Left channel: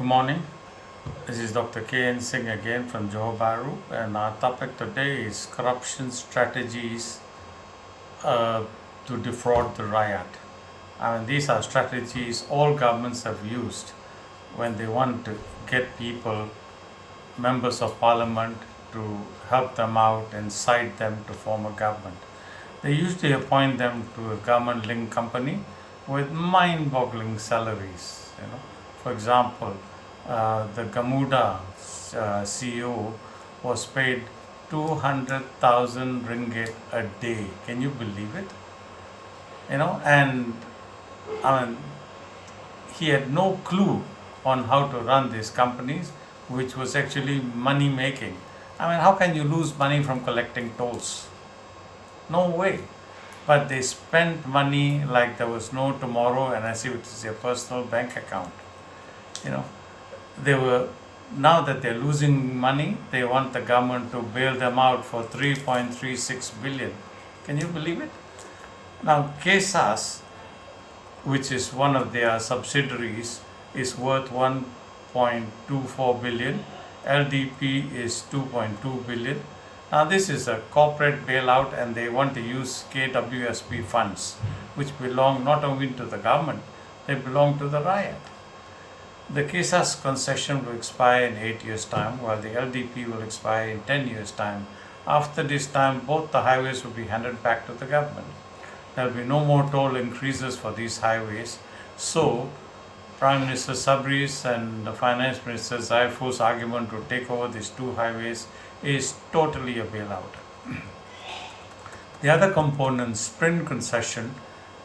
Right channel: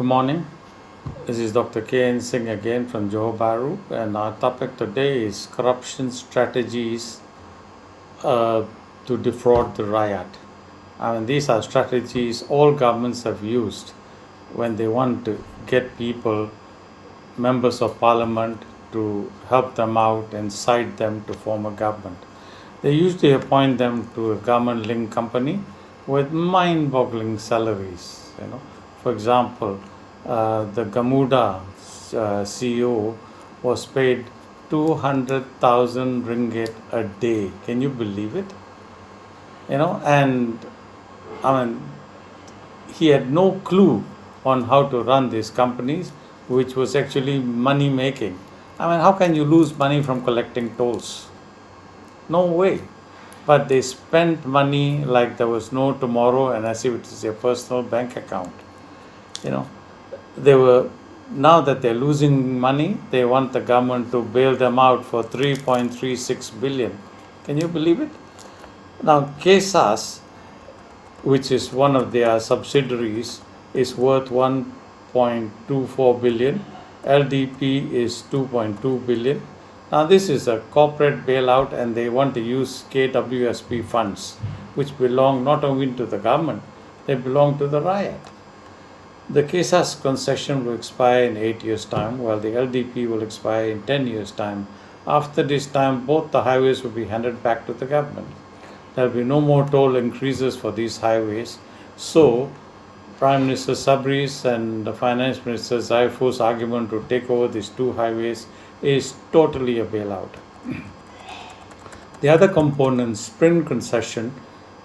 Good morning. This is Dr. K.N. Singh again from Johor Bahru, and our topic today is corruption strategies uh, to defraud the Rakyaat. I mean, these are strategies all governments have used when they want to get people, members of parliament, to help them out and cite them to form a government. They usually appoint them to a government-linked company with mind-boggling salaries. For example, the Gamuda CEO was paid 200,000 ringgit a day. Can you believe it? And I mean, he had no clue on how to run these companies, which was actually money making. I mean, how can you lose money from collecting tolls? No way. But they spent money like there was no tomorrow and as if it is their personal bank account. You know, they were now that they're losing money, they want the government to bail them out for 3.36 billion. Can you believe it? Now, KSAS, which is one of their subsidiaries, is worth 1.24 billion. LDP is 2.2 billion. Now, this is a corporate bailout, and they want to use KWSP funds, which belong not only to the government, they belong to the Rakyaat. The KSAS concession will expire in 8 years' time, while the LDP will expire in 10 years' time. After this time, both the highways will be handed back to the government. There will be no more toll increases for these highways. So, Prime Minister Sabri's and the Finance Minister Zaifu's argument to take over these two highways is totally a bailout. The other component, Sprint concession,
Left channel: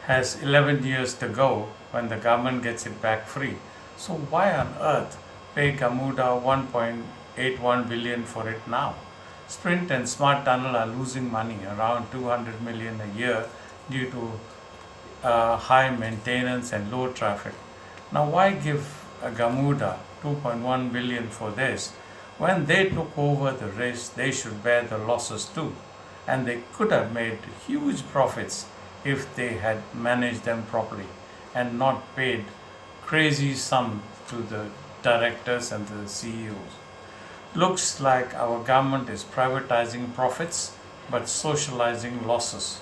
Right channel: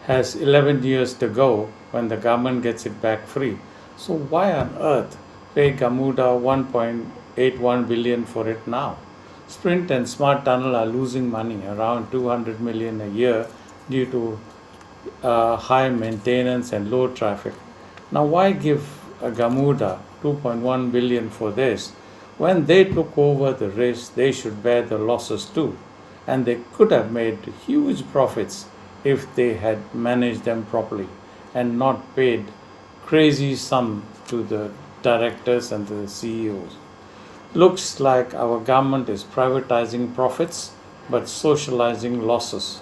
has 11 years to go when the government gets it back free. So why on earth pay Gamuda 1.81 billion for it now? Sprint and Smart Tunnel are losing money, around 200 million a year, due to high maintenance and low traffic. Now, why give Gamuda 2.1 billion for this? When they took over the risk, they should bear the losses too. And they could have made huge profits if they had managed them properly and not paid crazy sum to the directors and the CEOs. Looks like our government is privatizing profits but socializing losses.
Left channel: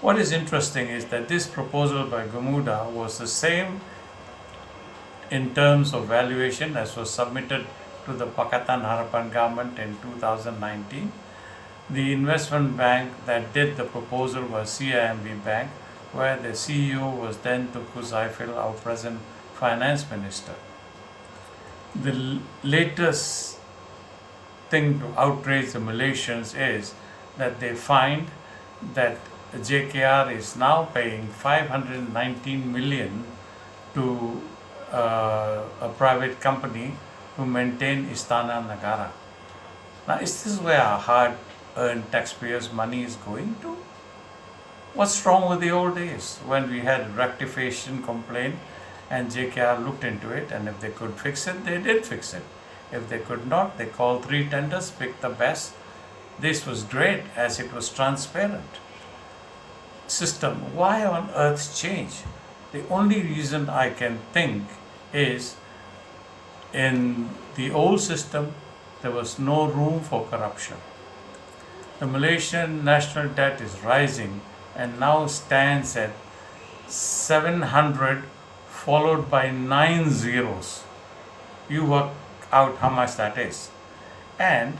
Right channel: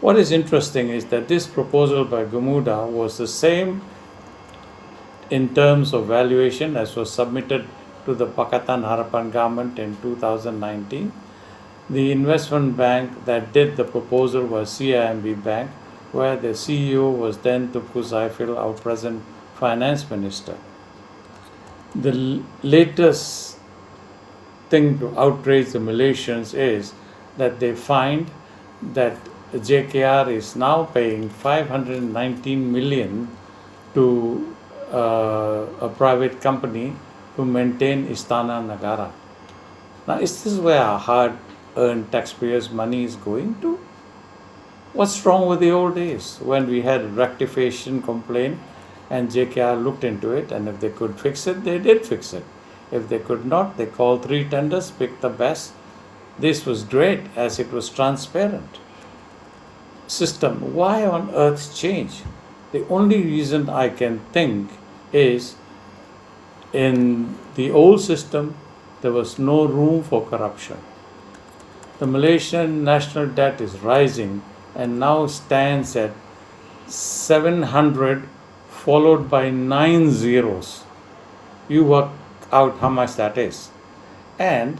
What is interesting is that this proposal by Gamuda was the same in terms of valuation as was submitted to the Pakatan Harapan government in 2019. The investment bank that did the proposal was CIMB Bank, where the CEO was then Tunku Zaifil, our present finance minister. The latest thing to outrage the Malaysians is that they find that JKR is now paying 519 million to a private company to maintain Istana Negara. Now, is this where our hard-earned taxpayers' money is going to? What's wrong with the old days when we had a rectification complaint and JKR looked into it, and if they could fix it, they did fix it. If they could not, they called 3 tenders, picked the best. This was great as it was transparent. System, why on earth change? The only reason I can think is in the old system, there was no room for corruption. The Malaysian national debt is rising and now stands at 700 followed by 9 zeros. You work out how much that is. And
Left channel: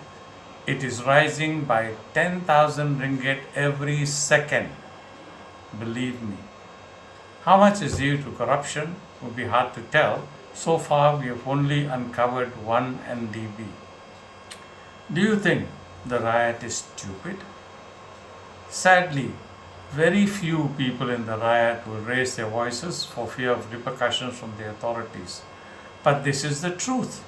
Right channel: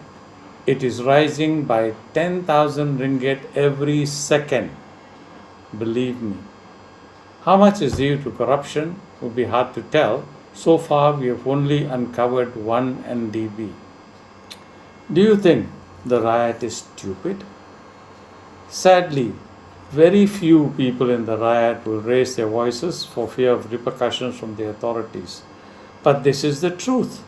it is rising by 10,000 ringgit every second. Believe me. How much is due to corruption would be hard to tell. So far, we have only uncovered 1 NDB. Do you think the Rakyaat is stupid? Sadly, very few people in the Rakyaat will raise their voices for fear of repercussions from the authorities. But this is the truth.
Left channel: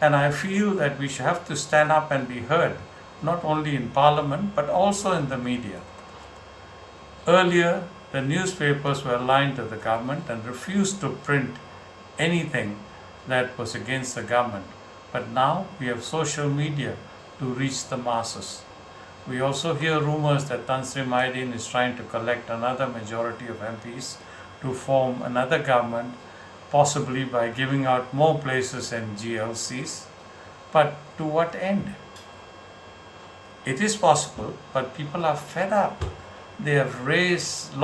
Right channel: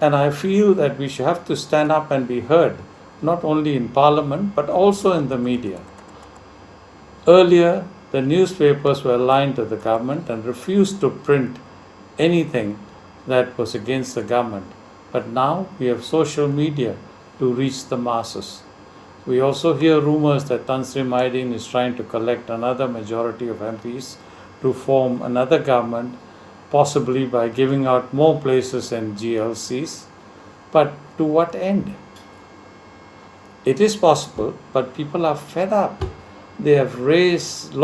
And I feel that we should have to stand up and be heard, not only in Parliament, but also in the media. Earlier, the newspapers were aligned to the government and refused to print anything that was against the government. But now we have social media to reach the masses. We also hear rumors that Tan Sri Maidin is trying to collect another majority of MPs to form another government, possibly by giving out more places in GLCs. But to what end? It is possible, but people are fed up. They have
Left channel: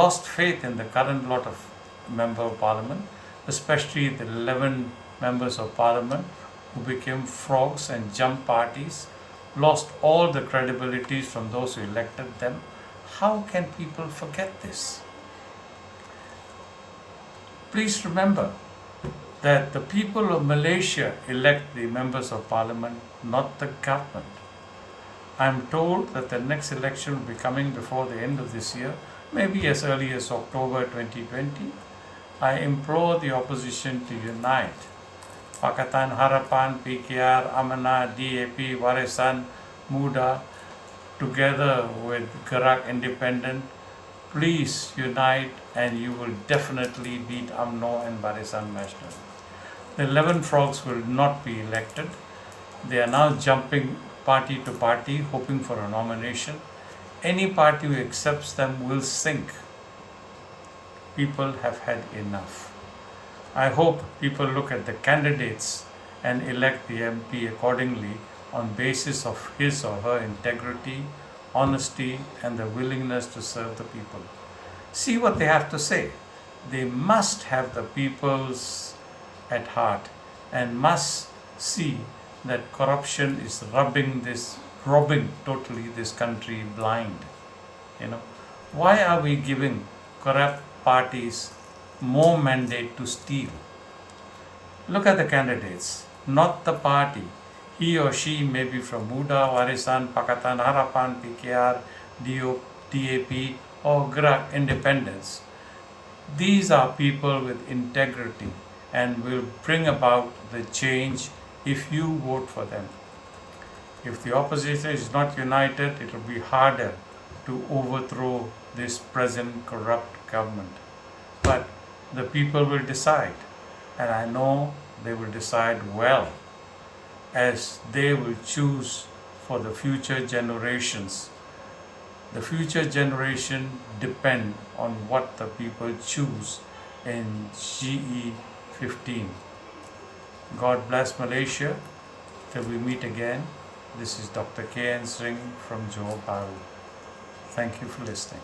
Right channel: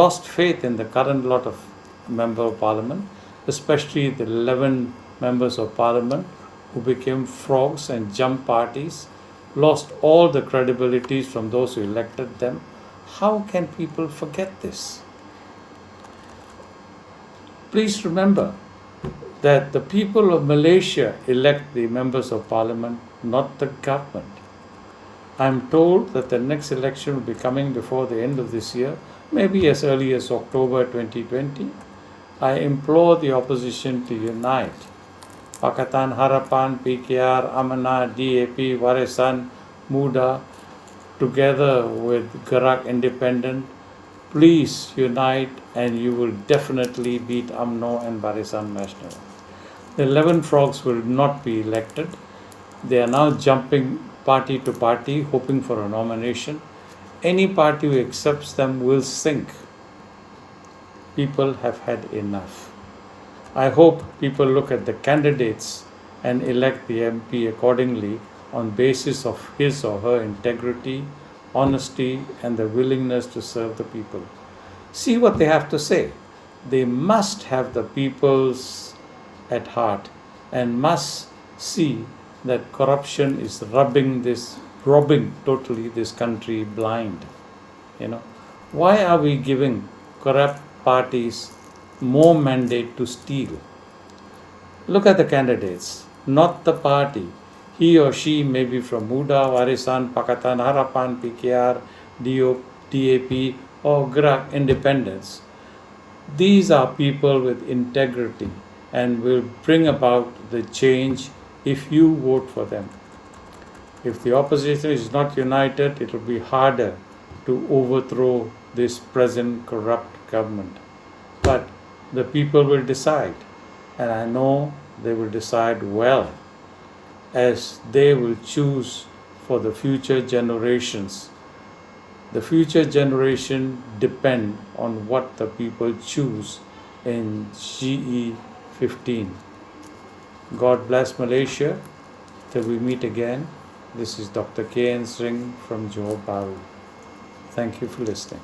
lost faith in the current lot of member of parliament, especially the 11 members of parliament who became frogs and jump parties, lost all the credibility from those who elected them. How can people forget this? Please remember that the people of Malaysia elect the members of parliament, not the government. I am told that the next election will be coming before the end of this year, maybe as early as October 2020. I implore the opposition to unite. Pakatan Harapan, PKR, Amanah, DAP, Warisan, Muda, together with Gerak Independent, please unite and you will definitely beat UMNO and Barisan Nasional. The 11 frogs will not be elected. They are now jumping party to party, hoping for a nomination. Any party who accepts them will sink. People have had enough. I hope people look at the candidates and elect the MP accordingly on basis of his or her integrity, honesty, and the willingness to serve the people. See what they have to say. They must have the people's at heart and must see that corruption is robbing totally this country blind. Why are we giving corrupt parties more mandate to steal? Look at the candidates, not the party. He or she may be from Muda, Warisan, Pakatan Harapan, PKR, DAP, or Gerak Independence. These are people with integrity and will bring about the change if you vote for them. If the opposition is not united, it will be harder to overthrow this present corrupt government. But the people will decide, and I know they will decide well, as they will choose for the future generations. The future generation depend on what the people choose in GE 15. God bless Malaysia. Till we meet again, this is Dr. K.N. Singh from Johor Bahru. Thank you for listening.